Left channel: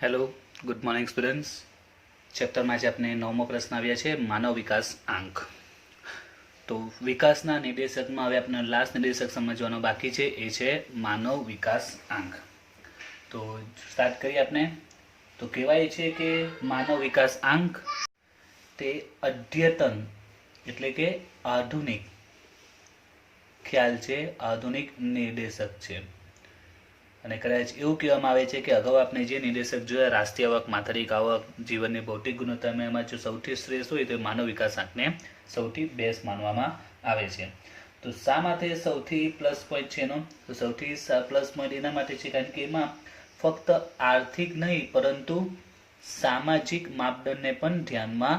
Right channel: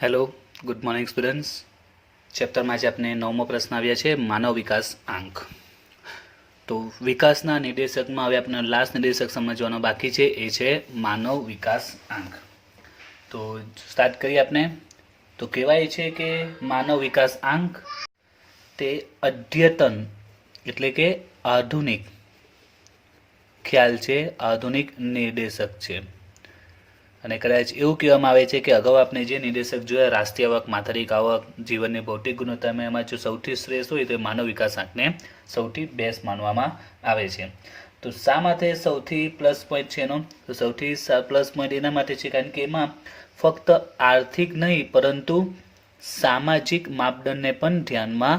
Hello, good morning students. ચેપ્ટરમાં આજે આપણે 9મો પ્રશ્ન આવ્યા છે માનવ વિકાસ આંક. તો વિકાસના નિર્દેશકમાં હવે આપણે લાસ્ટ નિર્દેશક સમજવાનો બાકી છે, એ છે માનવ વિકાસ આંક. તો સ્ટાર્ટ કરીએ આપણે. તો કહેવાય છે કે માનવ વિકાસ આંક તે અદ્યતન એટલે કે આધુનિક ખ્યાલ છે, આધુનિક નિર્દેશક છે. અને કદાચ એવું કહેવામાં આવે છે કે અગાઉ આપણે જે નિર્દેશક જોયા, રાષ્ટ્રીય આવક, માથાદીઠ આવક, જીવનની ભૌતિક ગુણવત્તામાં, એમાં જો સૌથી શ્રેષ્ઠ હોય તો માનવ વિકાસ આંકને સૌથી બેસ્ટ માનવામાં આવે છે. તો શા માટે સૌથી પ્લસ પોઈન્ટ છે એનો? તો સૌથી પ્લસ પોઈન્ટ એના માટે છે કારણ કે એમાં ફક્ત આર્થિક નહીં પરંતુ સામાજિક માપદંડને પણ ધ્યાનમાં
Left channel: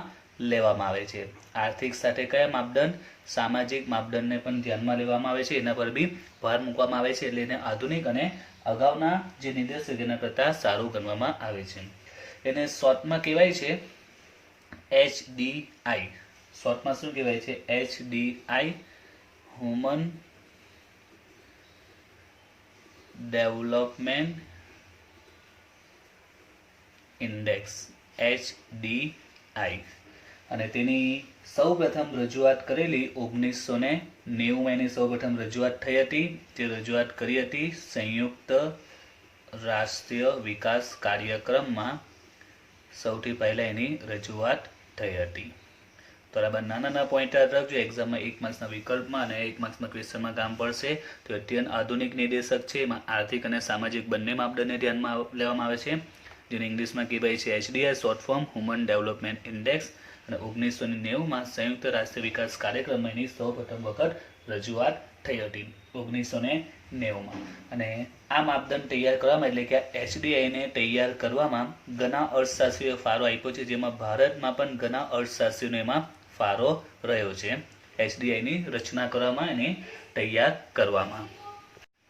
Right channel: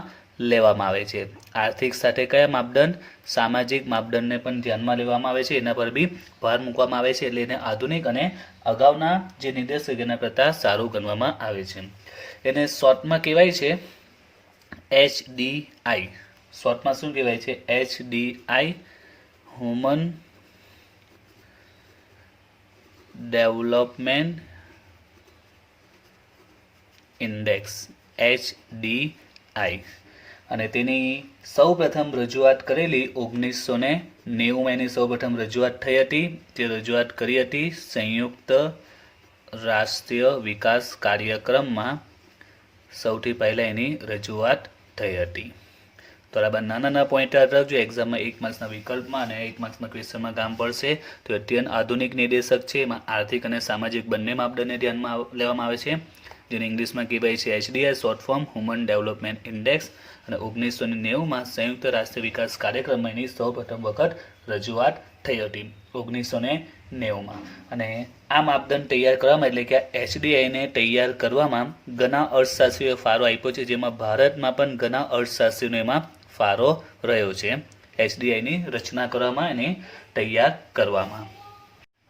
લેવામાં આવે છે. આર્થિક સાથે કયા માપદંડ? સામાજિક માપદંડને પણ ધ્યાનમાં લેવામાં આવે છે, એના પર બી ભાર મૂકવામાં આવે છે. એટલે એને આધુનિક અને અગાઉના જે નિર્દેશક એના કરતાં સારું ગણવામાં આવે છે. એને શોર્ટમાં કહેવાય છે HDI. શોર્ટમાં શું કહેવાય છે? HDI, human development index, HDI. અને તેની સૌ પ્રથમ રજૂઆત કરેલી 1990 એની સૌ પ્રથમ રજૂઆત થઈ હતી. તે રજૂઆત કરી હતી સંયુક્ત રાષ્ટ્રીય વિકાસ કાર્યક્રમમાં. સૌથી પહેલાં એની રજૂઆત થઈ હતી. તો બરાબર નાના પોઈન્ટ યાદ રાખજો, એક્ઝામમાં 1 માર્ક્સના વિકલ્પમાં અને 1 માર્ક્સના ક્વેશ્ચનમાં કામ પડશે. તો અત્યંત આધુનિક નિર્દેશક છે, એમાં આર્થિક અને સામાજિક બંને માપદંડને ધ્યાનમાં લેવામાં આવે છે, જેને ઇંગ્લિશમાં કહેવાય છે HDI, short form human development index. અને 1990માં સંયુક્ત રાષ્ટ્રીય વિકાસ કાર્યક્રમમાં એની સૌ પ્રથમ વખત રજૂઆત થઈ હતી 1990માં. અને આ માપદંડ તૈયાર કરવામાં એટલે કે HDIને તૈયાર કરવામાં ઘણા અર્થશાસ્ત્રીઓએ ફાળો આપ્યો છે, જેમાં ભારતમાં પણ ઘણા અર્થશાસ્ત્રીઓનો એમાં ફાળો રહ્યો છે HDIની રચના કરવામાં અને તૈયાર કરવામાં.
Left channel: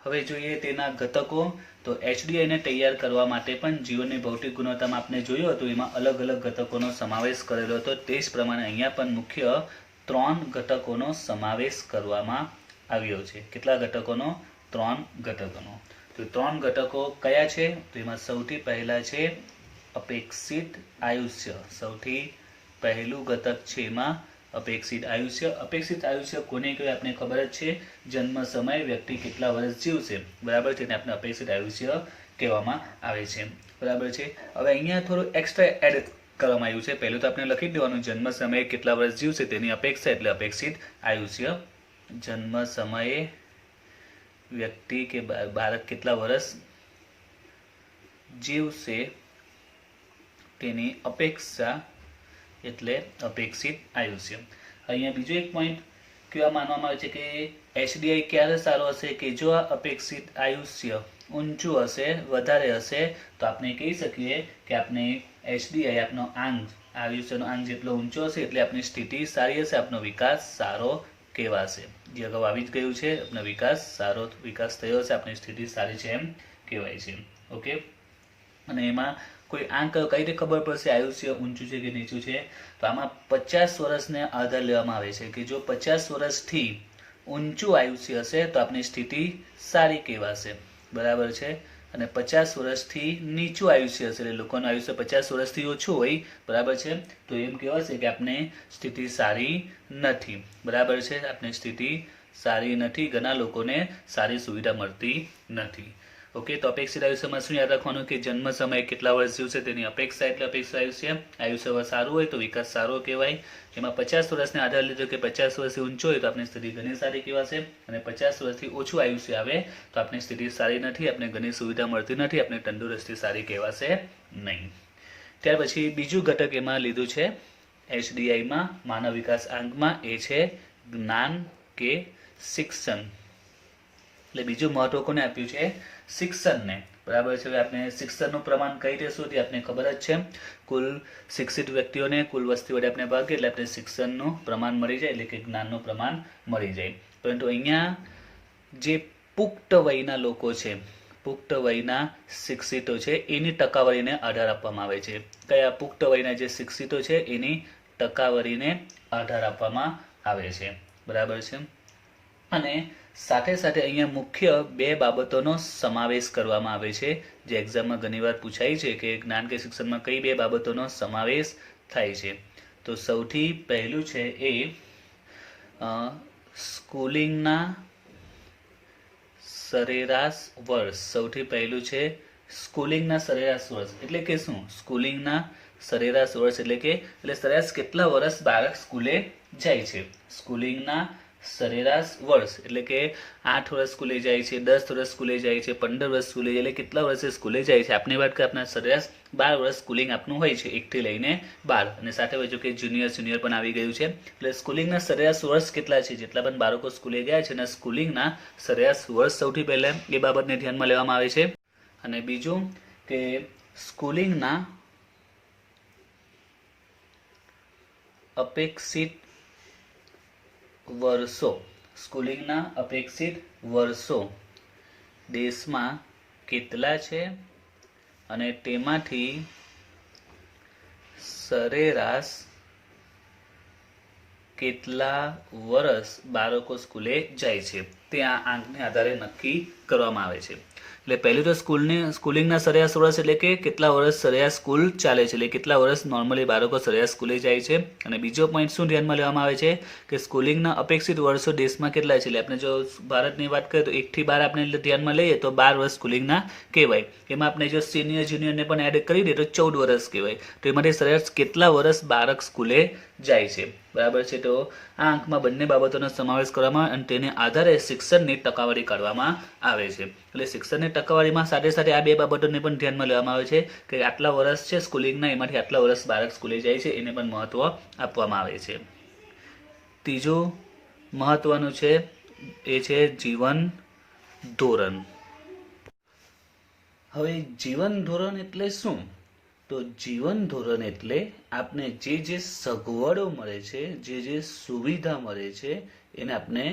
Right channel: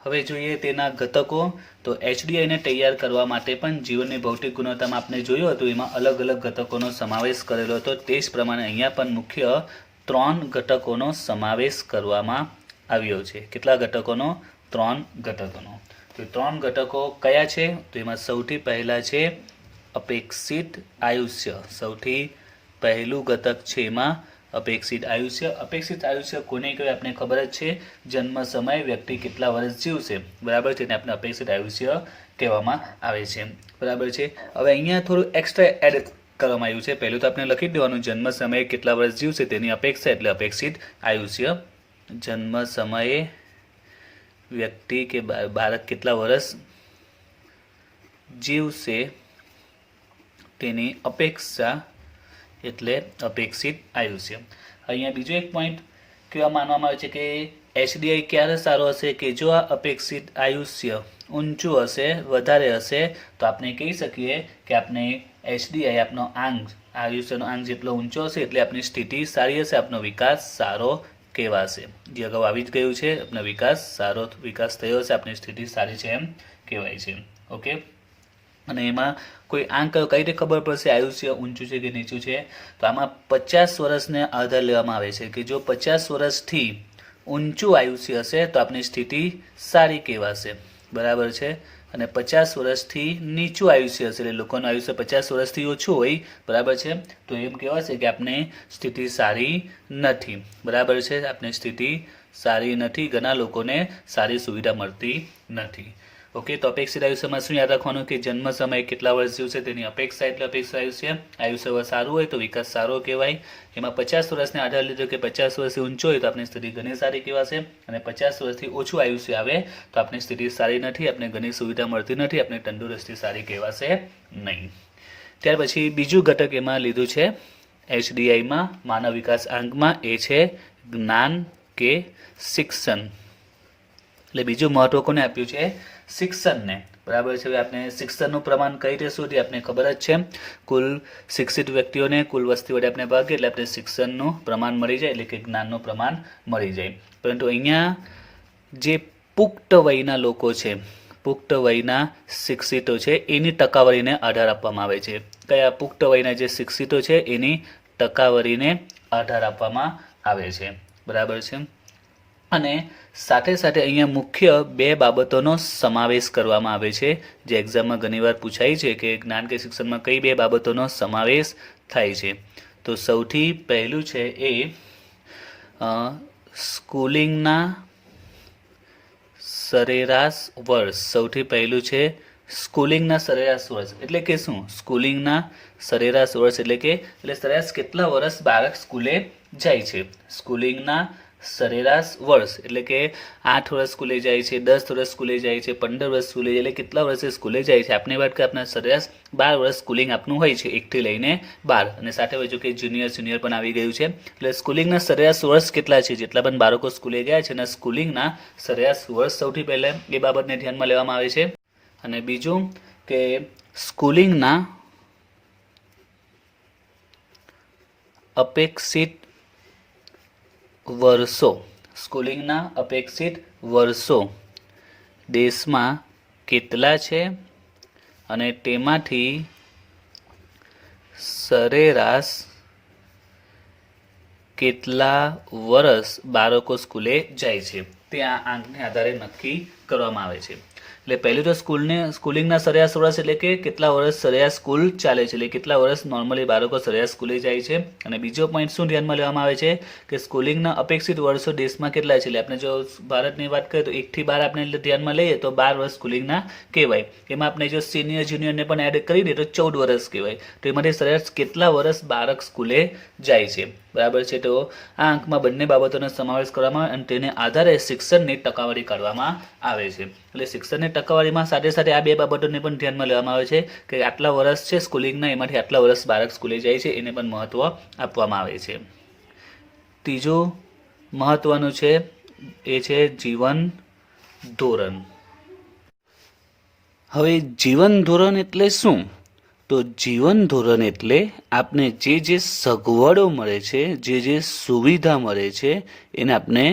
હવે જોઈએ તેના ઘટકો. તો HDIને તૈયાર કરવા માટે પણ જીવનની ભૌતિક ગુણવત્તામાં આપણે જોયું હતું, એમાં અલગ અલગ ઘટકોનો સમાવેશ કરેલો હતો. તે જ પ્રમાણે અહીંયા પણ મુખ્ય 3 ઘટકોનો સમાવેશ કરવામાં આવ્યો છે. કેટલા ઘટકોનો? 3 ઘટકોનો. તો 3 ઘટકો કયા છે? તો એમાં સૌથી પહેલા છે અપેક્ષિત આયુષ્ય. સૌથી પહેલું ઘટક છે એમાં અપેક્ષિત આયુષ્ય. અપેક્ષિત આયુષ્ય કોને કહેવાય આપણે ખબર જ છે. જન્મ સમયે વ્યક્તિ કેટલા વર્ષ જીવશે, બરાબર છે, તેને આપણે અપેક્ષિત આયુષ્ય કહેવામાં આવે છે, બરાબર છે. હવે અહીંયા થોડું એક્સ્ટ્રા એડ કરવામાં આવ્યું છે. પહેલું તો આપણે લખી દેવાનું જન્મ સમયે કેટલા વર્ષ જીવશે તેની અપેક્ષા એટલે અપેક્ષિત આયુષ્ય. જન્મ સમયે વ્યક્તિ કે બાળક કેટલા વર્ષ જીવશે તેની અપેક્ષા એટલે અપેક્ષિત આયુષ્ય. અહીંયા બીજો એક પોઈન્ટ કહેવા માનવામાં આવે છે કે HDI ક્યારે સારો હશે? કે જો આ અપેક્ષિત આયુષ્ય ઊંચું હશે, વધારે હશે, તો આપણે કહી શકીએ કે આપણે HDI આપનો આંક, આયુષ્યનો આંક જેટલો ઊંચો હશે એટલે આપણી સ્થિતિ સારી હશે, આપનો વિકાસ સારો કહેવાશે. જે અગાઉ આવી જ ગયું છે, આપનો વિકાસ થયો હશે, આપણી સ્થિતિ સારી છે એમ કહેવાય છે. ઓકે. અને એમાં કોઈ આંક કઈ રીતે ખબર પડશે આયુષ્ય ઊંચું છે કે નીચું છે? તો આમાં 50 વર્ષને આધાર લેવામાં આવે છે કે જો 50 વર્ષથી ઊંચું આયુષ્ય હશે તો આપણી સ્થિતિ સારી કહેવાશે, બરાબર છે. અને 50 વર્ષથી નીચું આયુષ્ય હશે એટલે લોકોનું આયુષ્ય 50 વર્ષથી ઓછું હોય, બરાબર છે, તો એમ કહેવાશે કે આપણે સ્થિતિ સારી નથી, બરાબર છે. આપણી સ્થિતિ સારી નથી, ઘણા લોકોને સારી સુવિધા મળતી નથી. ઓકે. તો અપેક્ષિત આયુષ્યમાં શું યાદ રાખવાનું કે જન્મ સમયે કેટલા વર્ષ જીવશે તેની અપેક્ષા એટલે અપેક્ષિત આયુષ્ય. આયુષ્ય સારું હોય તો વિકાસ સારો કહેવાય. એમાં 50 વર્ષને આધાર લીધો કે 50 વર્ષથી ઊંચો હોય તો આપણી સ્થિતિ ઘણી સારી કહેવાશે, અને 50 વર્ષથી ઓછું આયુષ્ય આવે તો આપણી સ્થિતિ સારી નથી, આપણે ઘણી સુવિધા મળતી નથી, આપણે તંદુરસ્તી સારી કહેવાશે નહીં. ત્યાર પછી બીજું ઘટક એમાં લીધું છે HDIમાં, માનવ વિકાસ આંકમાં, એ છે જ્ઞાન કે શિક્ષણ. એટલે બીજું મહત્વ કોને આપ્યું છે? શિક્ષણને, બરાબર છે. આપણે શિક્ષણનું પ્રમાણ કઈ રીતે શોધીએ? આપણે ખબર જ છે, કુલ શિક્ષિત વ્યક્તિઓને કુલ વસ્તી વડે આપણે ભાગીએ એટલે આપણે શિક્ષણનું પ્રમાણ મળી જાય, એટલે કે જ્ઞાનનું પ્રમાણ મળી જાય. પરંતુ અહીંયા જે પુખ્ત વયના લોકો છે, પુખ્ત વયના શિક્ષિતો છે, એની ટકાવારીને આધાર આપવામાં આવે છે. કયા? પુખ્ત વયના જે શિક્ષિતો છે એની ટકાવારીને આધાર આપવામાં આવે છે, બરાબર છે. અને સાથે સાથે અહીંયા મુખ્ય બે બાબતોનો સમાવેશ કરવામાં આવે છે, જે એક્ઝામમાં ઘણીવાર પૂછાય છે કે જ્ઞાન કે શિક્ષણમાં કઈ બે બાબતોનો સમાવેશ થાય છે. તો સૌથી પહેલું છે એ સ્કૂલિંગના સરેરાશ વર્ષ. સૌથી પહેલું છે સ્કૂલિંગના સરેરાશ વર્ષ. એટલે કે શું? સ્કૂલિંગના સરેરાશ વર્ષ એટલે સરેરાશ કેટલા વર્ષ બાળક સ્કૂલે જાય છે. સ્કૂલિંગના સરેરાશ વર્ષ એટલે કે 8 વર્ષ સ્કૂલે જાય છે, 10 વર્ષ સ્કૂલે જાય છે, 15 વર્ષ સ્કૂલે જાય, એટલે કેટલા વર્ષે સ્કૂલે જાય છે. આપણે વાત કરીએ આપણા સરેરાશ 12 વર્ષ સ્કૂલિંગ આપનું હોય છે, 1 થી લઈને 12. અને સાથે હોય કે જુનિયર સિનિયર પણ આવી ગયું છે. એટલે સ્કૂલિંગના સરેરાશ વર્ષ કેટલા છે, જેટલા પણ બાળકો સ્કૂલે ગયા છે, અને સ્કૂલિંગના સરેરાશ વર્ષ સૌથી પહેલા એ બાબતને ધ્યાનમાં લેવામાં આવે છે. અને બીજું કે સ્કૂલિંગના અપેક્ષિત વર્ષો. સ્કૂલિંગના અપેક્ષિત વર્ષો દેશમાં કેટલા છે અને તેમાંથી સરેરાશ કેટલા વર્ષ બાળકો સ્કૂલે જાય છે, તે આ આંકને આધારે નક્કી કરવામાં આવે છે. એટલે પહેલું તો સ્કૂલિંગના સરેરાશ વર્ષ એટલે કે કેટલા વર્ષ સરેરાશ સ્કૂલ ચાલે છે, એટલે કેટલા વર્ષ નોર્મલી બાળકો સરેરાશ સ્કૂલે જાય છે. અને બીજો પોઈન્ટ શું ધ્યાનમાં લેવામાં આવે છે કે સ્કૂલિંગના અપેક્ષિત વર્ષો દેશમાં કેટલા છે. એટલે આપણે જો ભારતની વાત કરીએ તો 1 થી 12 આપણે ધ્યાનમાં લઈએ તો 12 વર્ષ સ્કૂલિંગના કહેવાય. એમાં આપણે જો સિનિયર જુનિયરને પણ એડ કરી દઈએ તો 14 વર્ષ કહેવાય. તો એમાંથી સરેરાશ કેટલા વર્ષ બાળક સ્કૂલે જાય છે, બરાબર છે. તો આ આંકમાં બંને બાબતોનો સમાવેશ કરવામાં આવે અને તેને આધારે શિક્ષણની ટકાવારી કાઢવામાં આવે છે. એટલે શિક્ષણની ટકાવારીમાં સાથે સાથે આ બે બાબતોને પણ ધ્યાનમાં લેવામાં આવે છે કે આટલા વર્ષ છે સ્કૂલિંગના, એમાંથી આટલા વર્ષ બાળક સ્કૂલે જાય છે, એને પણ મહત્વ આપવામાં આવે છે. ત્રીજું મહત્વનું છે એ છે જીવન ધોરણ. હવે જીવન ધોરણ એટલે શું? તો જીવન ધોરણ એટલે આપને જે સગવડો મળે છે, જે સુવિધા મળે છે, એને આપણે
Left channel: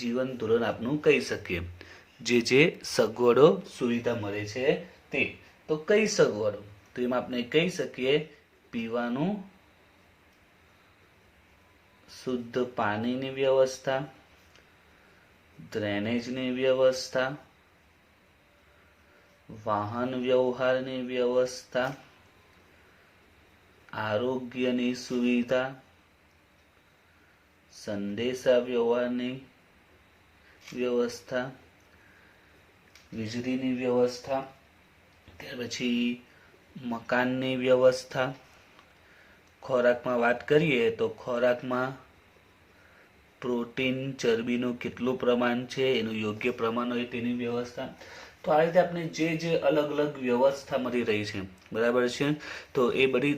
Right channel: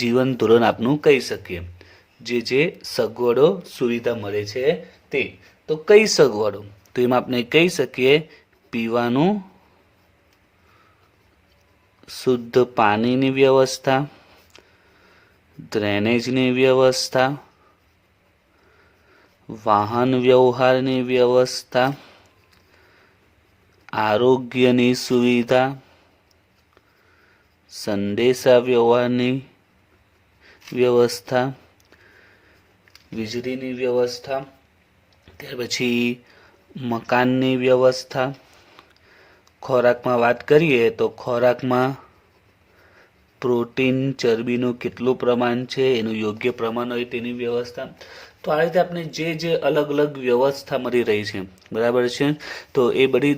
જીવન ધોરણ આપનું કહી શકીએ. જે સગવડો સુવિધા મળે છે તે. તો કઈ સગવડો? તો એમાં આપણે કહી શકીએ પીવાનું શુદ્ધ પાણીની વ્યવસ્થા, ડ્રેનેજની વ્યવસ્થા, વાહન વ્યવહારની વ્યવસ્થા, આરોગ્યની સુવિધા, સંદેશા વ્યવહારની વ્યવસ્થા, વીજળીની વ્યવસ્થા, ત્યાર પછી મકાનની વ્યવસ્થા. ખોરાકમાં વાત કરીએ તો ખોરાકમાં પ્રોટીન ચરબીનું કેટલું પ્રમાણ છે, એનું યોગ્ય પ્રમાણ હોય તેની વ્યવસ્થા. તો આ રીતે આપણે જે અલગ અલગ વ્યવસ્થા મળી રહી છે, બરાબર છે. તો એ બધી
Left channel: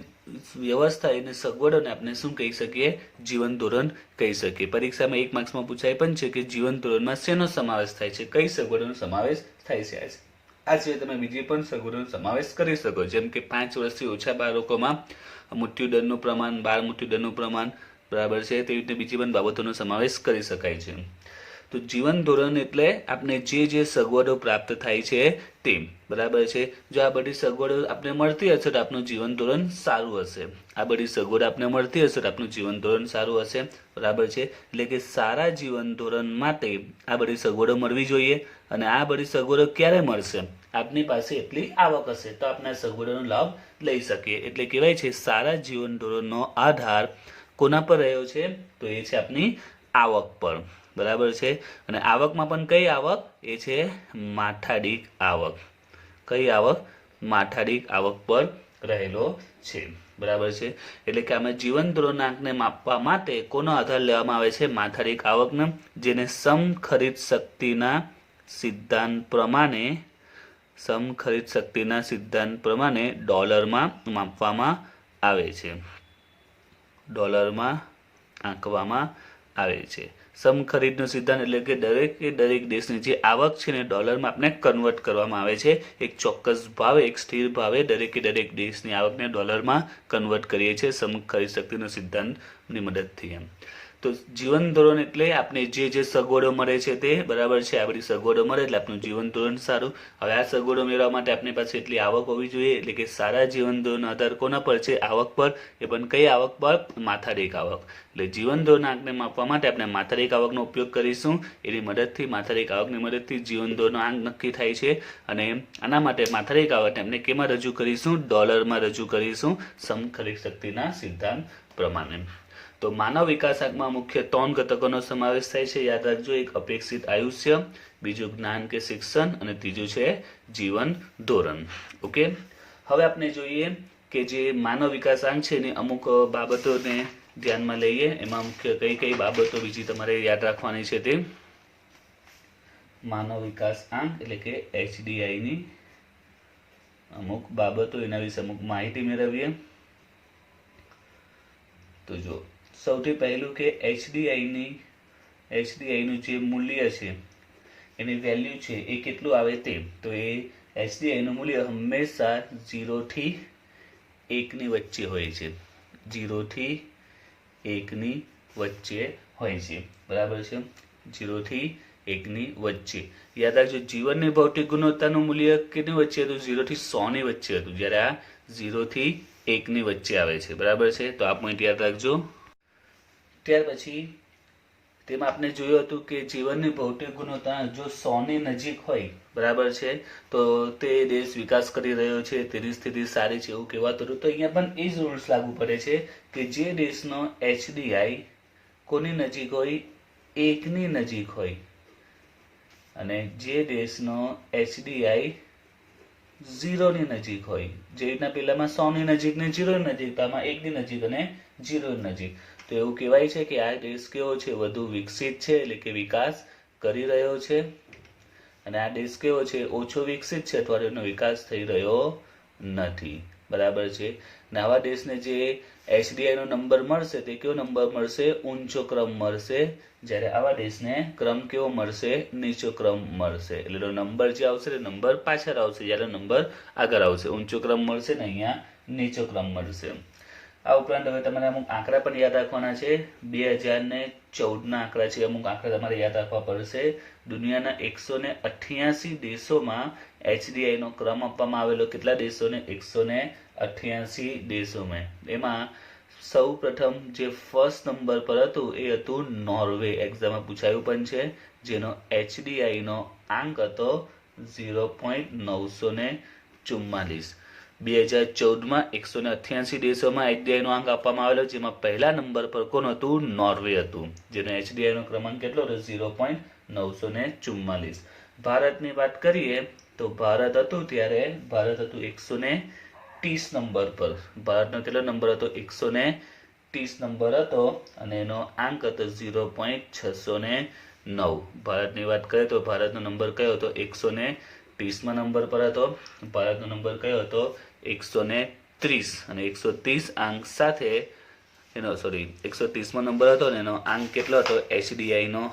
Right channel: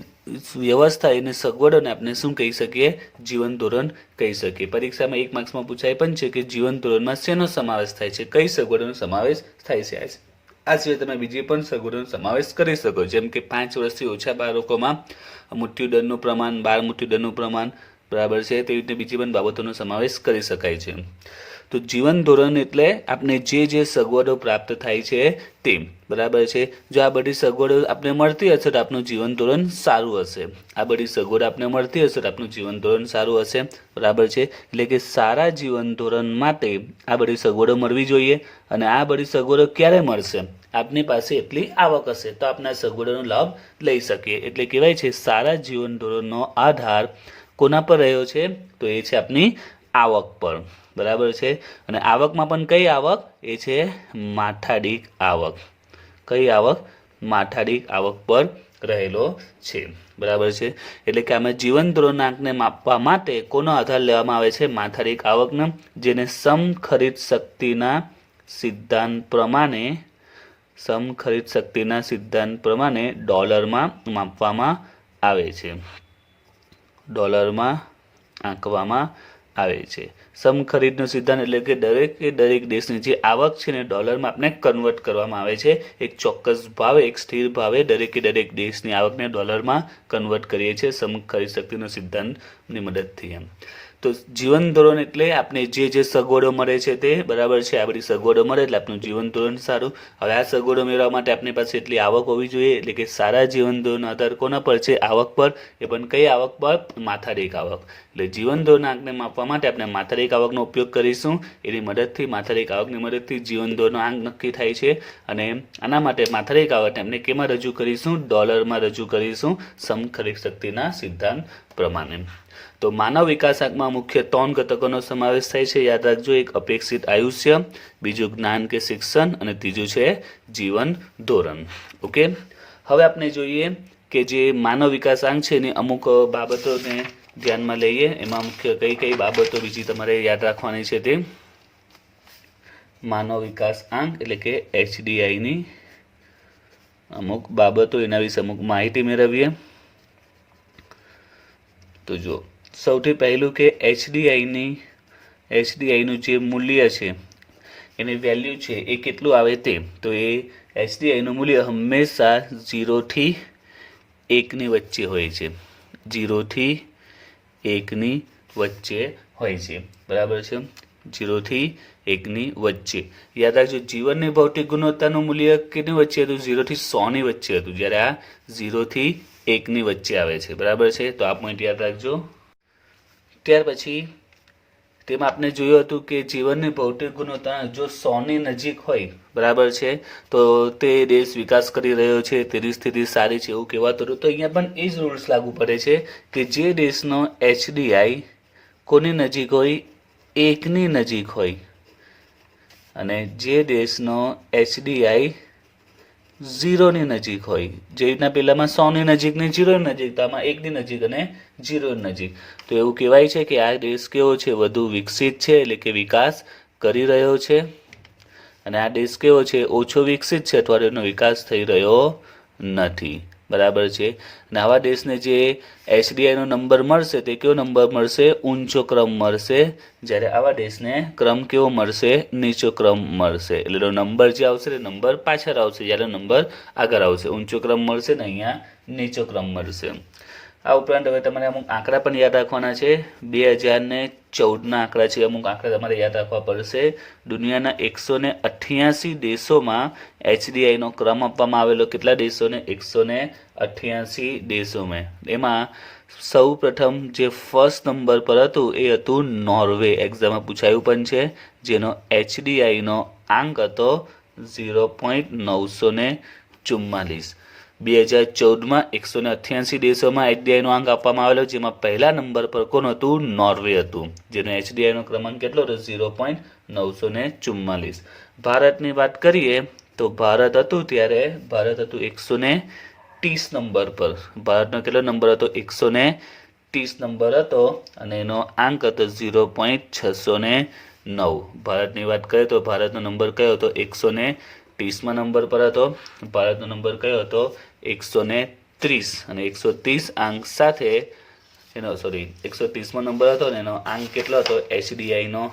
વ્યવસ્થા એને સગવડોને આપણે શું કહી શકીએ? જીવન ધોરણ કહી શકીએ. પરીક્ષામાં 1 માર્ક્સમાં પૂછાય પણ છે કે જીવન ધોરણમાં શેનો સમાવેશ થાય છે, કઈ સગવડોનો સમાવેશ થાય છે. આ સિવાય તમે બીજી પણ સગવડોનો સમાવેશ કરી શકો, જેમ કે 5 વર્ષથી ઓછા બાળકોમાં મૃત્યુદરનું પ્રમાણ, બાળ મૃત્યુદરનું પ્રમાણ, બરાબર છે. તેવી રીતે બીજી પણ બાબતોનો સમાવેશ કરી શકાય છે. તો જીવન ધોરણ એટલે આપણે જે સગવડો પ્રાપ્ત થાય છે તે, બરાબર છે. જો આ બધી સગવડો આપણે મળતી હશે તો આપણું જીવન ધોરણ સારું હશે. આ બધી સગવડો આપણે મળતી હશે તો આપણું જીવન ધોરણ સારું હશે, બરાબર છે. એટલે કે સારા જીવન ધોરણ માટે આ બધી સગવડો મળવી જોઈએ. અને આ બધી સગવડો ક્યારે મળશે? આપની પાસે એટલી આવક હશે તો આપણે આ સગવડોનો લાભ લઈ શકીએ. એટલે કહેવાય છે સારા જીવન ધોરણનો આધાર કોના પર રહ્યો છે? તો એ છે આપની આવક પર, બરાબર છે. અને આવકમાં પણ કઈ આવક? એ છે માથાદીઠ આવક. કઈ આવક? માથાદીઠ આવક પર રહેલો છે, બરાબર છે. એટલે કે આમાં જીવન ધોરણના આંકને માપવા માટે કોનો આધાર લેવામાં આવે છે? માથાદીઠ આવકનો, જેને સમખરીદ શક્તિના સિદ્ધાંત પ્રમાણે ડોલરમાં માપવામાં આવે છે, ડોલરમાં આંકવામાં આવે છે. સમખરીદનો સિદ્ધાંત એટલે કે દરેક દેશની જે આવક છે ને ડોલરમાં આપણે કન્વર્ટ કરવામાં આવે છે. એક ચોક્કસ ભાવે, એક સ્થિર ભાવે દરેક દેશની આવકને ડોલરમાં કન્વર્ટ કરીએ છીએ સમખરીદ શક્તિનો સિદ્ધાંતની મદદથી. તો જીવન ધોરણ એટલે આપણે જે સગવડો મળે છે તે બરાબર છે, આ બધી સગવડો મળે એટલે આપણું જીવન ધોરણ સારું. હવે આ સગવડો મેળવવા માટે આપણી પાસે એટલી આવક હોવી જોઈએ, એટલે કે સારા જીવન ધોરણનો આધાર કોના પર છે? આવક પર. એ પણ કઈ આવક પર? માથાદીઠ આવક. એટલે જીવન ધોરણ આંકને માપવા માટે આપણે માથાદીઠ આવકનો ઉપયોગ કરીશું. એની મદદથી માથાદીઠ આવકની મદદથી જીવન ધોરણનો આંક નક્કી થાય છે. અને આના માટે માથાદીઠ આવકને આપણે કેમાં રજૂ કરીશું? ડોલરમાં રજૂ કરીશું, સમખરીદ શક્તિના સિદ્ધાંત પ્રમાણે. તો માનવ વિકાસ આંકમાં મુખ્ય 3 ઘટકોનો સમાવેશ થાય છે, યાદ રાખજો. એક અપેક્ષિત આયુષ્ય, બીજું જ્ઞાન કે શિક્ષણ, અને ત્રીજું છે જીવન ધોરણ. ઓકે, હવે આપણે જોઈએ કે જે માનવ વિકાસ આંક છે એની અમુક બાબતોને ધ્યાનમાં લઈએ. એમાં મુખ્ય કઈ કઈ બાબતો બીજી તમારે યાદ રાખવાની છે તે માનવ વિકાસ આંક એટલે કે HDIની અમુક બાબતો, એના વિશે અમુક માહિતી મેળવીએ. તો જો સૌથી પહેલું કે HDIનું જે મૂલ્ય છે એની વેલ્યુ છે એ કેટલું આવે તે. તો એ HDIનું મૂલ્ય હંમેશા 0 થી 1ની વચ્ચે હોય છે. 0 થી 1ની વચ્ચે હોય છે, બરાબર છે. 0 થી 1ની વચ્ચે. યાદ રાખજો, જીવનની ભૌતિક ગુણવત્તાનું મૂલ્ય કેટલી વચ્ચે હતું? 0 થી 100ની વચ્ચે હતું, જ્યારે આ 0 થી 1ની વચ્ચે આવે છે, બરાબર છે. તો આ પોઈન્ટ યાદ રાખજો. ત્યાર પછી તેમાં આપણે જોયું હતું કે જીવનની ભૌતિક ગુણવત્તા જો 100ની નજીક હોય, બરાબર છે, તો તે દેશ વિકાસ કરી રહ્યો છે, તેની સ્થિતિ સારી છે એવું કહેવાતું હતું. તો અહીંયા પણ એ જ રૂલ્સ લાગુ પડે છે કે જે દેશનો HDI કોની નજીક હોય? 1ની નજીક હોય. અને જે દેશનો HDI 0ની નજીક હોય. જે રીતના પહેલામાં 100ની નજીક ને 0ની નજીક, તો આમાં 1ની નજીક અને 0ની નજીક. તો એવું કહેવાય છે કે આ દેશ કેવો છે? વધુ વિકસિત છે, એટલે કે વિકાસ કરી રહ્યો છે. અને આ દેશ કેવો છે? ઓછો વિકસિત છે, અથવા એનો વિકાસ થઈ રહ્યો નથી, બરાબર છે. આવા દેશને જે HDIનો નંબર મળશે તે કેવો નંબર મળશે? ઊંચો ક્રમ મળશે. જ્યારે આવા દેશને ક્રમ કેવો મળશે? નીચો ક્રમ મળશે. એટલે નંબર જે આવશે તે નંબર પાછળ આવશે, જ્યારે નંબર આગળ આવશે. ઊંચો ક્રમ મળશે ને અહીંયા નીચો ક્રમ મળશે. આ ઉપરાંત હવે તમારે અમુક આંકડા પણ યાદ રાખવાના છે. 2014ના આંકડા છે, અમુક આંકડા તમારે યાદ રાખવા પડશે. દુનિયાના 188 દેશોમાં HDIનો ક્રમ આપવામાં આવેલો. કેટલા દેશોને? 188 દેશોમાં. એમાં સૌ પ્રથમ જે ફર્સ્ટ નંબર પર હતું એ હતું નોર્વે. એક્ઝામમાં પૂછાયું પણ છે, જેનો HDIનો આંક હતો 0.944. 2014માં 188 દેશોમાં HDIનો આંક આપવામાં આવેલો, જેમાં પહેલા નંબર પર કોણ હતું? નોર્વે હતું, જેનો HDIનો ક્રમાંક કેટલો હતો? 0.944. ભારતની વાત કરીએ તો ભારત હતું 130 નંબર પર. ભારતનો કેટલો નંબર હતો? 130 નંબર હતો, અને એનો આંક હતો 0.609. ભારતની વાત કરીએ તો ભારતનો નંબર કયો હતો? 130માં નંબર પર હતો. ભારતનો નંબર કયો હતો? 130. અને 130 આંક સાથે એનો 130માં નંબર હતો ને એનો આંક કેટલો હતો? HDIનો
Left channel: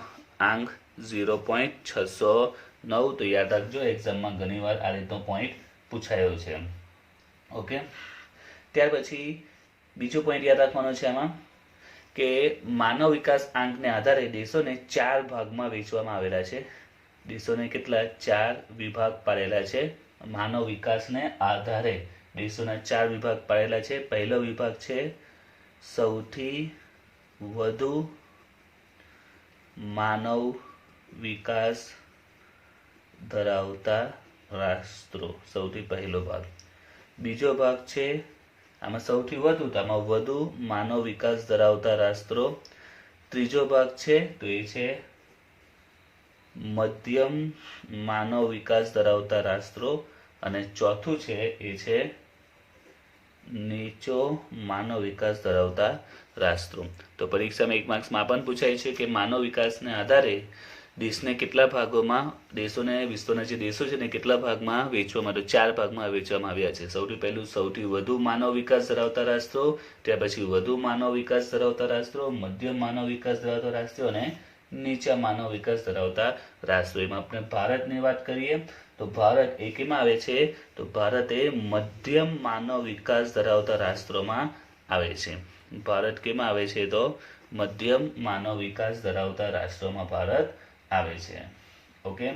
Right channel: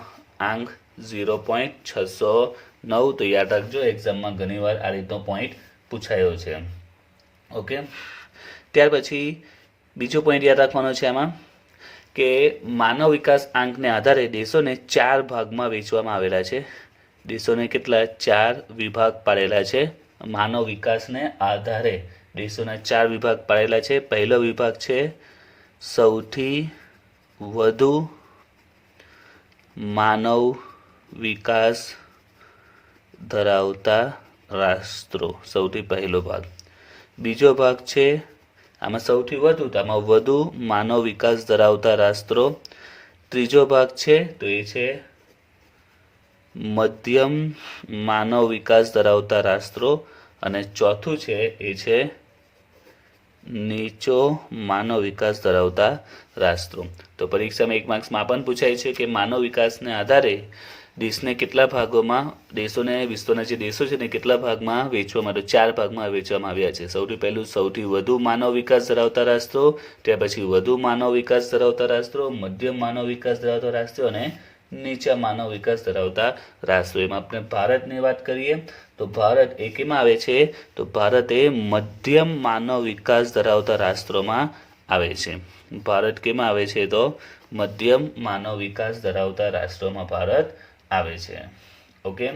આંક 0.609. તો યાદ રાખજો, એક્ઝામમાં ઘણીવાર આ રીતનો પોઈન્ટ પૂછાયો છે. ઓકે, ત્યાર પછી બીજો પોઈન્ટ યાદ રાખવાનો છે આમાં કે માનવ વિકાસ આંકને આધારે દેશોને 4 ભાગમાં વહેંચવામાં આવેલા છે. દેશોને કેટલા? 4 વિભાગ પાડેલા છે. માનવ વિકાસને આધારે દેશોના 4 વિભાગ પાડેલા છે. પહેલો વિભાગ છે સૌથી વધુ માનવ વિકાસ ધરાવતા રાષ્ટ્રો, સૌથી પહેલો ભાગ. બીજો ભાગ છે આમાં સૌથી વધુ, તો આમાં વધુ માનવ વિકાસ ધરાવતા રાષ્ટ્રો. ત્રીજો ભાગ છે તો એ છે મધ્યમ માનવ વિકાસ ધરાવતા રાષ્ટ્રો. અને ચોથું છે એ છે નીચો માનવ વિકાસ ધરાવતા રાષ્ટ્રો. તો પરીક્ષામાં 1 માર્ક્સમાં પણ પૂછાય છે કે માનવ વિકાસને આધારે દેશને કેટલા ભાગોમાં, દેશોને, વિશ્વના જે દેશો છે ને કેટલા ભાગમાં વહેંચવામાં આવ્યા? 4 ભાગમાં વહેંચવામાં આવ્યા છે. સૌથી પહેલું સૌથી વધુ માનવ વિકાસ ધરાવતા રાષ્ટ્રો, ત્યાર પછી વધુ માનવ વિકાસ ધરાવતા રાષ્ટ્રો, મધ્યમ માનવ વિકાસ ધરાવતા રાષ્ટ્રો અને નીચા માનવ વિકાસ ધરાવતા રાષ્ટ્રો. એમાં આપણે ભારતની વાત કરીએ તો ભારત એ કેમાં આવે છે? તો ભારત એ મધ્યમ માનવ વિકાસ ધરાવતા રાષ્ટ્રોમાં આવે છે. ભારત કેમાં આવે છે? તો મધ્યમ માનવ વિકાસ ધરાવતા રાષ્ટ્રોમાં ભારત આવે છે. ઓકે,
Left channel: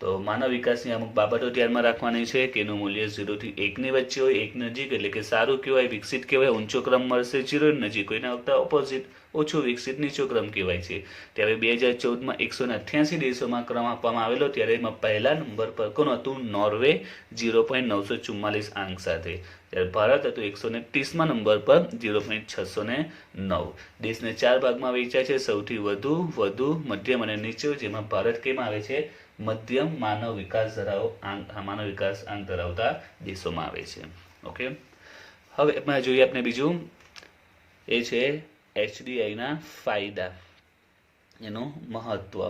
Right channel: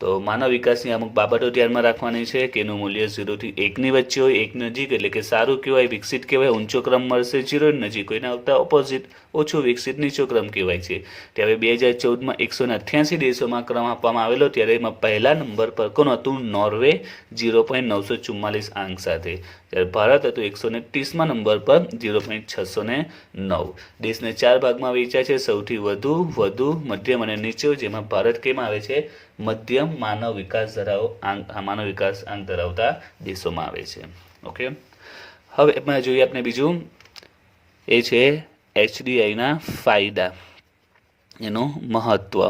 તો માનવ વિકાસની અમુક બાબતો ધ્યાનમાં રાખવાની છે કે એનું મૂલ્ય 0 થી 1 ની વચ્ચે હોય. 1 નજીક એટલે કે સારું કહેવાય, વિકસિત કહેવાય, ઊંચો ક્રમ મળશે. 0 નજીક હોય એના કરતાં ઓપોઝિટ ઓછું વિકસિત નીચો ક્રમ કહેવાય છે. ત્યારે 2014માં 188 દેશોમાં ક્રમ આપવામાં આવેલો, ત્યારે એમાં પહેલા નંબર પર કોણ હતું? નોર્વે 0.944 આંક સાથે. ત્યારે ભારત હતું 130માં નંબર પર 0.609. દેશને 4 ભાગમાં વહેંચાય છે, સૌથી વધુ, મધ્યમ અને નીચો, જેમાં ભારત કેમ આવે છે? મધ્યમ માનવ વિકાસ આંક ધરાવતા દેશોમાં આવે છે. ઓકે, હવે એમાં જોઈએ આપણે બીજું, એ છે HDIના ફાયદા, એનું મહત્વ.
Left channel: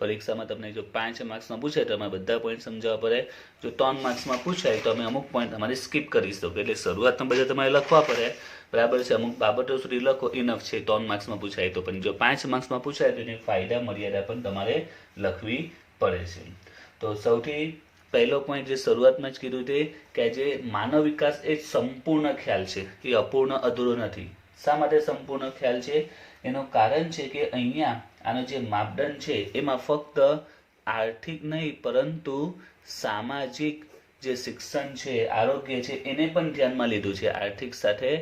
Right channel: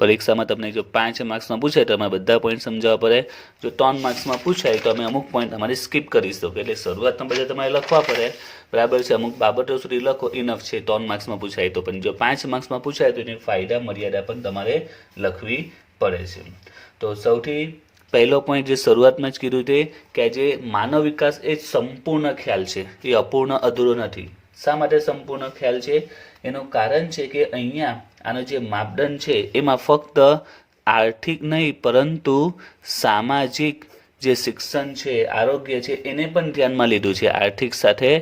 પરીક્ષામાં તમને જો 5 માર્ક્સમાં પૂછાય તો તમારે બધા પોઈન્ટ સમજાવવા પડે. જો 3 માર્ક્સમાં પૂછાય તો અમે અમુક પોઈન્ટ તમારે સ્કીપ કરી શકો, એટલે શરૂઆતમાં બધા તમારે લખવા પડે, બરાબર છે. અમુક બાબતો સુધી લખો, ઇનફ છે. 3 માર્ક્સમાં પૂછાય તો, પણ જો 5 માર્ક્સમાં પૂછાય તો એની ફાયદા મર્યાદા પણ તમારે લખવી પડે છે. તો સૌથી પહેલો પોઈન્ટ જે શરૂઆતમાં જ કીધું તે કે જે માનવ વિકાસ એ સંપૂર્ણ ખ્યાલ છે, એ અપૂર્ણ અધૂરો નથી. શા માટે સંપૂર્ણ ખ્યાલ છે? એનું કારણ છે કે અહીંયા આનો જે માપદંડ છે એમાં ફક્ત આર્થિક નહીં પરંતુ સામાજિક જે શિક્ષણ છે, આરોગ્ય છે, એને પણ ધ્યાનમાં લીધું છે. આર્થિક સાથે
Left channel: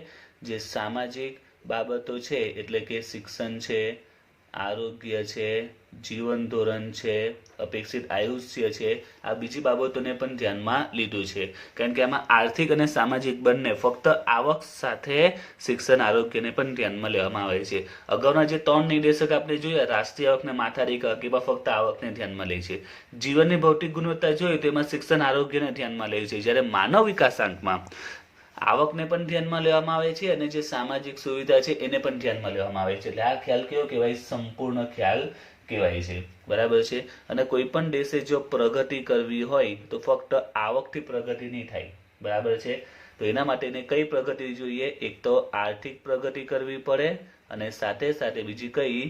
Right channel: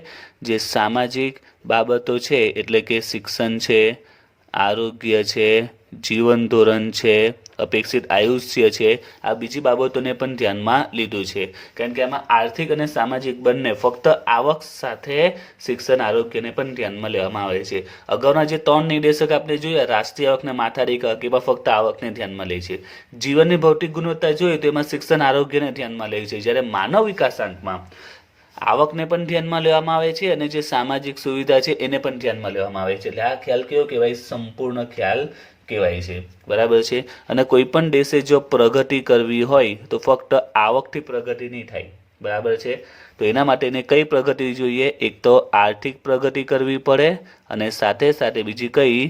જે સામાજિક બાબતો છે, એટલે કે શિક્ષણ છે, આરોગ્ય છે, જીવન ધોરણ છે, અપેક્ષિત આયુષ્ય છે, આ બીજી બાબતોને પણ ધ્યાનમાં લીધું છે. કારણ કે આમાં આર્થિક અને સામાજિક બંને, ફક્ત આવક સાથે શિક્ષણ આરોગ્યને પણ ધ્યાનમાં લેવામાં આવે છે. અગાઉના જે 3 નિર્દેશક આપણે જોયા, રાષ્ટ્રીય આવકને માથાદીઠ આવક, એમાં ફક્ત આવકને ધ્યાનમાં લે છે. જીવનની ભૌતિક ગુણવત્તા જોઈએ તો એમાં શિક્ષણ આરોગ્યને ધ્યાનમાં લે છે. જ્યારે માનવ વિકાસાંકમાં આવકને પણ ધ્યાનમાં લેવામાં આવે છે અને જે સામાજિક સુવિધા છે એને પણ ધ્યાનમાં લેવામાં આવે છે. એટલે આ ખ્યાલ કેવો કહેવાય? સંપૂર્ણ ખ્યાલ કહેવાય છે, બરાબર છે. અને કોઈ પણ દેશે જો પ્રગતિ કરવી હોય તો ફક્ત આવકથી પ્રગતિ નહીં થાય, બરાબર છે. તો એના માટે એને કઈ પ્રગતિ જોઈએ? એક તો આર્થિક પ્રગતિ કરવી પડે અને સાથે સાથે બીજી કઈ?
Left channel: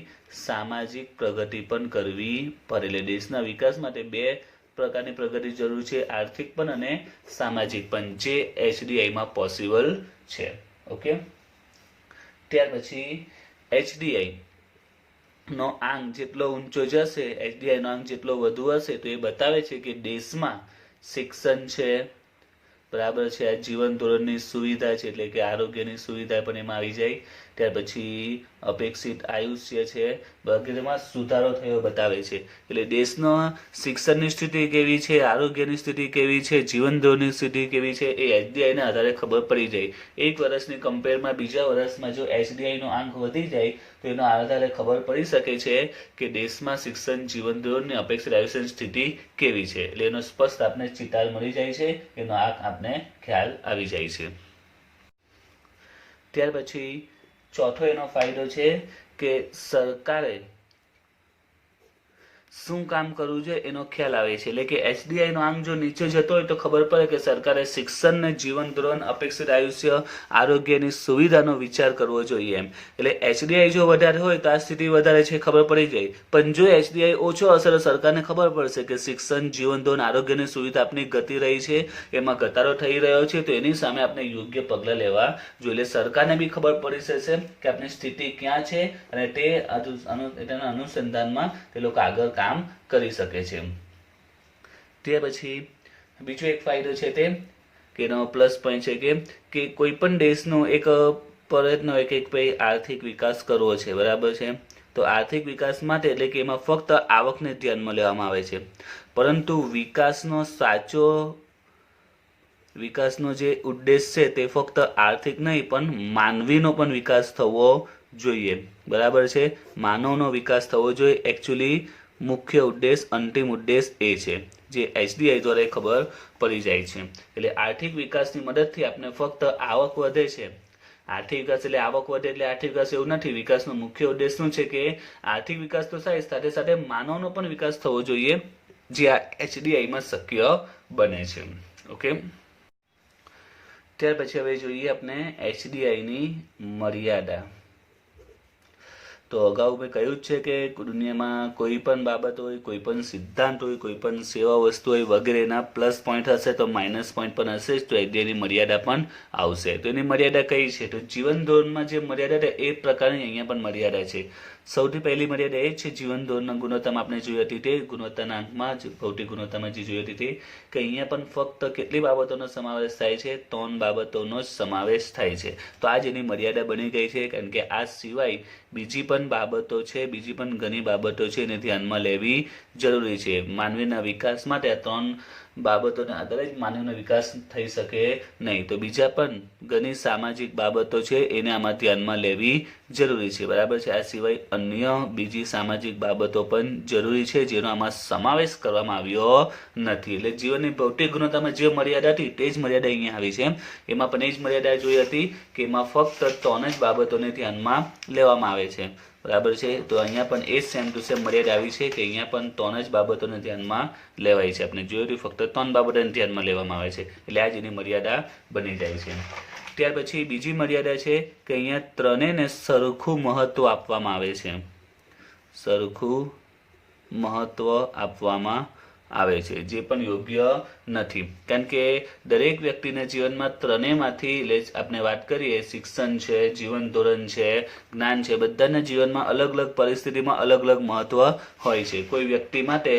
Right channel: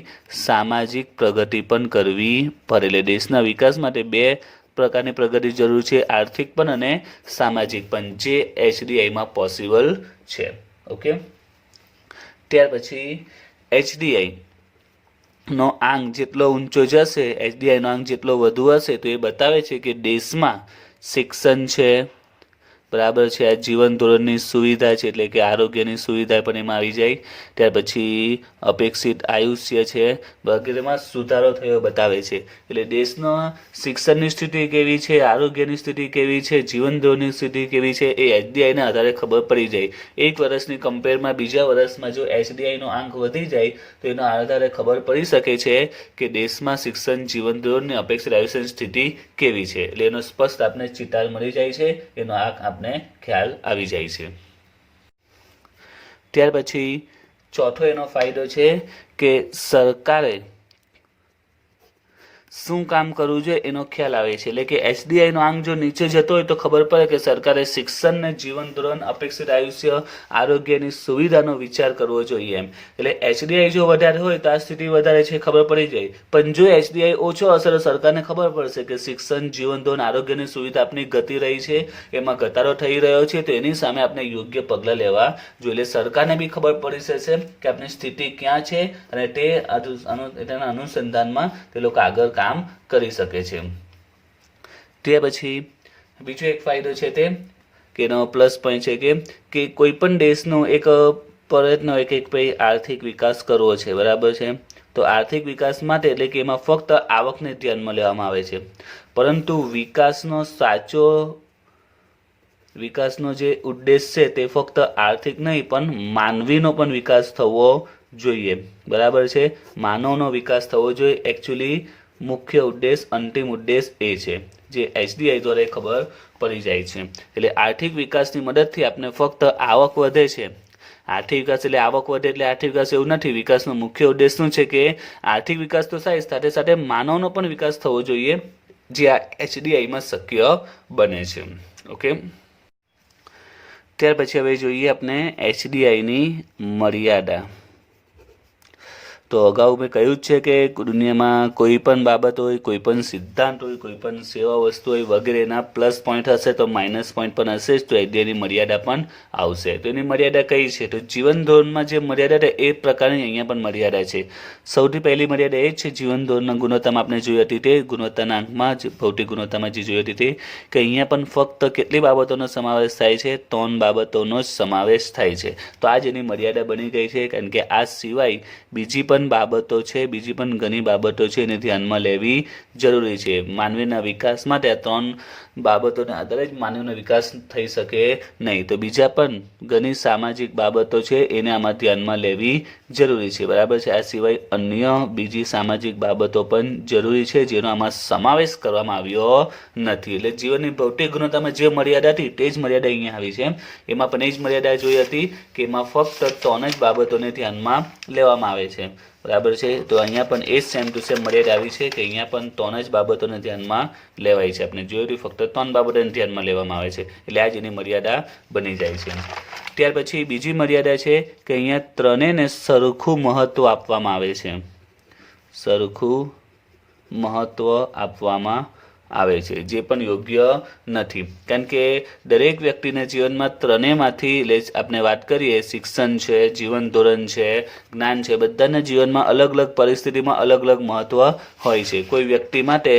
સામાજિક પ્રગતિ પણ કરવી પડે. એટલે દેશના વિકાસ માટે 2 પ્રકારની પ્રગતિ જરૂર છે, આર્થિક પણ અને સામાજિક પણ, જે HDIમાં પોસિબલ છે. ઓકે, ત્યાર પછી HDI નો આંક જેટલો ઊંચો જશે, HDI નો આંક જેટલો વધુ હશે, તો એ બતાવે છે કે દેશમાં શિક્ષણ છે, બરાબર છે, આ જીવન ધોરણની સુવિધા છે, એટલે કે આરોગ્યની સુવિધા પણ એમાં આવી જાય. ત્યાર પછી અપેક્ષિત આયુષ્ય છે, વગેરેમાં સુધારો થયો બતાવે છે. એટલે દેશનો શિક્ષણની સ્થિતિ કેવી છે, આરોગ્યની સ્થિતિ કેવી છે, જીવન ધોરણની સ્થિતિ કેવી છે, એ HDIના આધારે ખબર પડી જાય. એક વર્ષની કમ્પેરમાં બીજા વર્ષમાં જો HDIનો આંક વધી જાય તો એના આધારે ખબર પડી શકે છે કે દેશમાં શિક્ષણ, જીવન ધોરણની અપેક્ષિત આયુષ્યની સ્થિતિ કેવી છે. એટલે એનો સ્પષ્ટ આપને ચિતાર મળી જાય છે, એનો આંક આપને ખ્યાલ આવી જાય છે. ત્યાર પછી ચોથો એનો ફાયદો છે કે સરકારે શું કામ કરવું જોઈએ એનો ખ્યાલ આવે છે. એટલે કે HDIનો આંક જો નીચે જતો હોય તો ખબર પડે કે સરકારે શિક્ષણ, જીવન ધોરણ, અપેક્ષિત આયુષ્ય, આરોગ્યની સુવિધાનો વિચાર કરવો જોઈએ એમ. એટલે HDI જો વધારે હોય તો આ સ્થિતિ વધારે છે ખબર પડી જાય, પણ જો HDI ઓછો હશે તો સરકારને ખબર પડશે કે શિક્ષણ, જીવન ધોરણ, આરોગ્યની સુવિધા આપની ઘટી રહી છે, એમાં ઘટાડો થઈ રહ્યો છે, તો એની સામે આપણે યોગ્ય પગલાં લેવા જોઈએ. એટલે સરકારને બી ખબર પડી જશે કે આપણી સ્થિતિ ક્યાં છે અને તેના અનુસંધાનમાં તે લોકો આગળ કામ કરી શકે છે. તે પછી બીજો એક ફાયદો છે તે કે એનો પ્લસ પોઈન્ટ છે કે કોઈ પણ દેશનો એક પ્રયત્ન હોય કે ભાઈ આર્થિક વિકાસ કરવો છે, બરાબર છે. તો આર્થિક વિકાસ માટે એટલે કે એમાં ફક્ત આવકને ધ્યાનમાં લેવામાં આવે છે, પરંતુ વિકાસનો જે ઉદ્દેશ છે તે ફક્ત આર્થિક નહીં પણ માનવીનો પણ વિકાસ થવો જોઈએ, બરાબર છે. માનવનો વિકાસ થવો જોઈએ. એકચ્યુઅલી મુખ્ય ઉદ્દેશ, અંતિમ ઉદ્દેશ એ છે જે HDI દ્વારા ખબર પડી જાય છે. એટલે આર્થિક વિકાસની મદદથી આપણે ફક્ત આવક વધે છે, આર્થિક વિકાસ એટલે આવક વધે એટલે આર્થિક વિકાસ એવું નથી. વિકાસનો મુખ્ય ઉદ્દેશ શું છે કે આર્થિક વિકાસ તો થાય, સાથે સાથે માનવનો પણ વિકાસ થવો જોઈએ, જે આ HDIમાં શક્ય બને છે. ઓકે, ત્યાર પછી હવે જોઈએ આપણે HDIની મર્યાદા. તો અગાઉ મેં કહ્યું જ છે કે દુનિયામાં કોઈ પણ બાબત હોય, કોઈ પણ સિદ્ધાંત હોય, કોઈ પણ સેવા વસ્તુ હોય વગેરેના પ્લસ પોઈન્ટ હશે તો માઇનસ પોઈન્ટ પણ હશે જ, તો એની મર્યાદા પણ આવશે. તો એની મર્યાદા કઈ છે? તો જીવન ધોરણમાં જે મર્યાદા છે એ પ્રકારની અહીંયા પણ મર્યાદા છે. સૌથી પહેલી મર્યાદા એ જ છે જીવન ધોરણના ગુણવત્તામાં આપણે જોઈ હતી તે ગુણવત્તાના આંકમાં જ ભૌતિક ગુણવત્તામાં જે જોઈ હતી તે કે અહીંયા પણ ફક્ત કેટલી બાબતોનો સમાવેશ થાય છે? 3 બાબતોનો જ સમાવેશ થાય છે. તો આ જ એની મર્યાદા બની ગઈ છે, કારણ કે આ સિવાય બીજી પણ બાબતો છે, બીજી પણ ઘણી બાબતો છે એને ધ્યાનમાં લેવી જરૂરી છે. માનવીના વિકાસ માટે આ 3 બાબતોને આધારે જ માનવીનો વિકાસ થઈ શકે નહીં. તો બીજા પણ ઘણી સામાજિક બાબતો છે એને આમાં ધ્યાનમાં લેવી જરૂરી છે, બરાબર છે. આ સિવાય અન્ય બીજી સામાજિક બાબતો પણ જરૂરી છે જેનો આમાં સમાવેશ કરવામાં આવ્યો નથી. એટલે જીવનની ભૌતિક ગુણવત્તામાં જે મર્યાદા હતી તે જ મર્યાદા અહીંયા આવી છે. એમાં પણ એ જ મર્યાદા જોઈ હતી કે એમાં ફક્ત 3 જ બાબતોને ધ્યાનમાં લેવામાં આવે છે, બરાબર છે. તો અહીંયા પણ એ જ સેમ ટુ સેમ મર્યાદા આવી છે કે અહીંયા પણ 3 જ બાબતોને ધ્યાનમાં લેવાય છે. આપણે જોયું ફક્ત 3 બાબતોને ધ્યાનમાં લેવામાં આવે છે, એટલે આ જ એની મર્યાદા બની જાય છે. ત્યાર પછી બીજી મર્યાદા છે કે અહીંયા 3ને સરખું મહત્વ આપવામાં આવે છે. સરખું મહત્વ આપવામાં આવે છે, જે પણ યોગ્ય નથી. કારણ કે દરેક વ્યક્તિના જીવનમાં 3માંથી આપણે વાત કરીએ, શિક્ષણ છે, જીવન ધોરણ છે, જ્ઞાન છે, બધાના જીવનમાં અલગ અલગ પરિસ્થિતિમાં અલગ અલગ મહત્વ હોય છે. કોઈ વ્યક્તિ માટે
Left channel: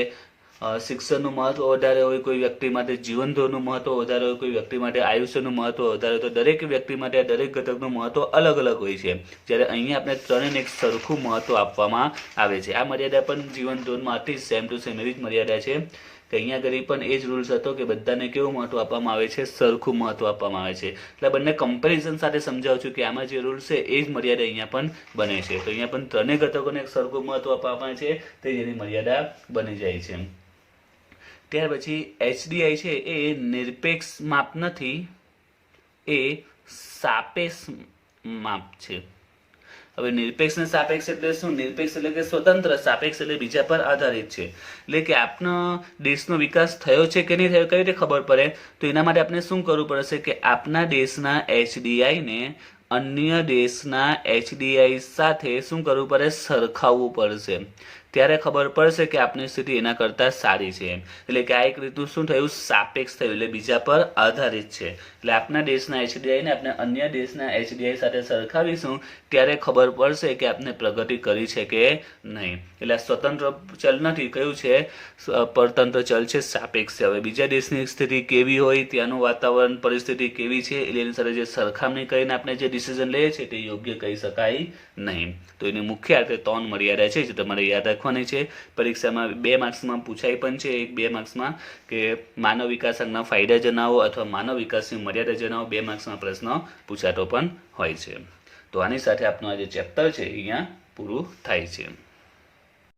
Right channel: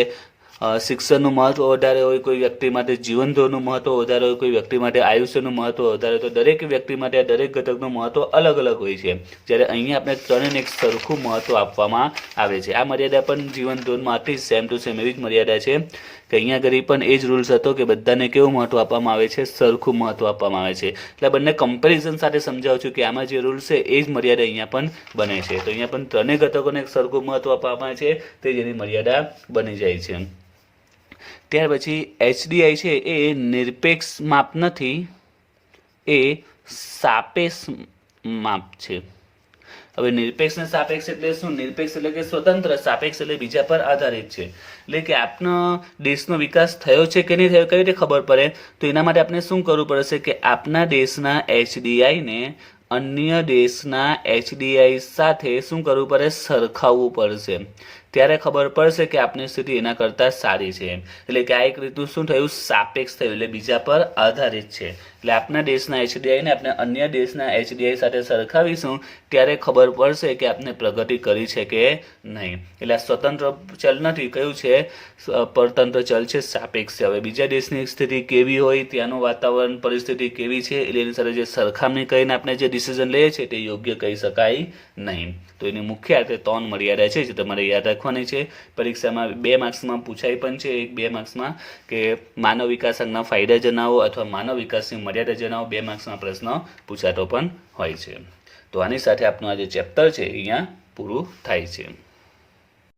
શિક્ષણનું મહત્વ વધારે હોય, કોઈ વ્યક્તિ માટે જીવન ધોરણનું મહત્વ વધારે હોય, કોઈ વ્યક્તિ માટે આયુષ્યનું મહત્વ વધારે. તો દરેક વ્યક્તિ માટે દરેક ઘટકનું મહત્વ અલગ અલગ હોય છે, જ્યારે અહીંયા આપણે 3ને એક સરખું મહત્વ આપવામાં આવે છે. આ મર્યાદા પણ જીવન ધોરણમાંથી સેમ ટુ સેમ એવી જ મર્યાદા છે કે અહીંયા આગળ પણ એ જ રૂલ્સ હતો કે બધાને કેવું મહત્વ આપવામાં આવે છે? સરખું મહત્વ આપવામાં આવે છે. એટલે બંને કમ્પેરિઝન સાથે સમજાવું છું કે આમાં જે રૂલ્સ છે એ જ મર્યાદા અહીંયા પણ બને છે. તો અહીંયા પણ 3 ઘટકોને એક સરખું મહત્વ આપવામાં આવે છે, તે જેની મર્યાદા બની જાય છે. ત્યાર પછી HDI છે એ નિરપેક્ષ માપ નથી, એ સાપેક્ષ માપ છે. હવે નિરપેક્ષ ને સાપેક્ષ એટલે શું? નિરપેક્ષ એટલે કે સ્વતંત્ર, સાપેક્ષ એટલે બીજા પર આધારિત છે. એટલે કે આપનો દેશનો વિકાસ થયો છે કે નહીં થયો કઈ રીતે ખબર પડે? તો એના માટે આપણે શું કરવું પડશે કે આપના દેશના HDI ને અન્ય દેશના HDI સાથે શું કરવું પડે? સરખાવવું પડશે. ત્યારે ખબર પડશે કે આપની સ્થિતિ એના કરતાં સારી છે. એટલે કે આ એક રીતનું શું થયું? સાપેક્ષ થયું, એટલે બીજા પર આધારિત છે. એટલે આપણા દેશના HDI ને આપણે અન્ય દેશના HDI સાથે સરખાવીશું ત્યારે ખબર પડશે કે આપણે પ્રગતિ કરી છે કે નહીં. એટલે આ સ્વતંત્ર ચલ નથી, કયું છે? પરતંત્ર ચલ છે, સાપેક્ષ છે. હવે બીજા દેશની સ્થિતિ કેવી હોય, ત્યાંનું વાતાવરણ પરિસ્થિતિ કેવી છે, એની સાથે જે સરખામણી કરીને આપણે જે ડિસિઝન લઈએ છીએ તે યોગ્ય કહી શકાય નહીં. તો એની મુખ્ય આધારે 3 મર્યાદા છે જે તમારે યાદ રાખવાની છે. પરીક્ષામાં 2 માર્ક્સમાં પૂછાય પણ છે, 1-2 માર્ક્સમાં કે માનવ વિકાસ અંગના ફાયદા જણાવો અથવા માનવ વિકાસની મર્યાદા જણાવો. 2 માર્ક્સમાં પ્રશ્ન પૂછાતો પણ હોય છે. તો આની સાથે આપનું આ જે ચેપ્ટર છે અહીંયા પૂરું થાય છે.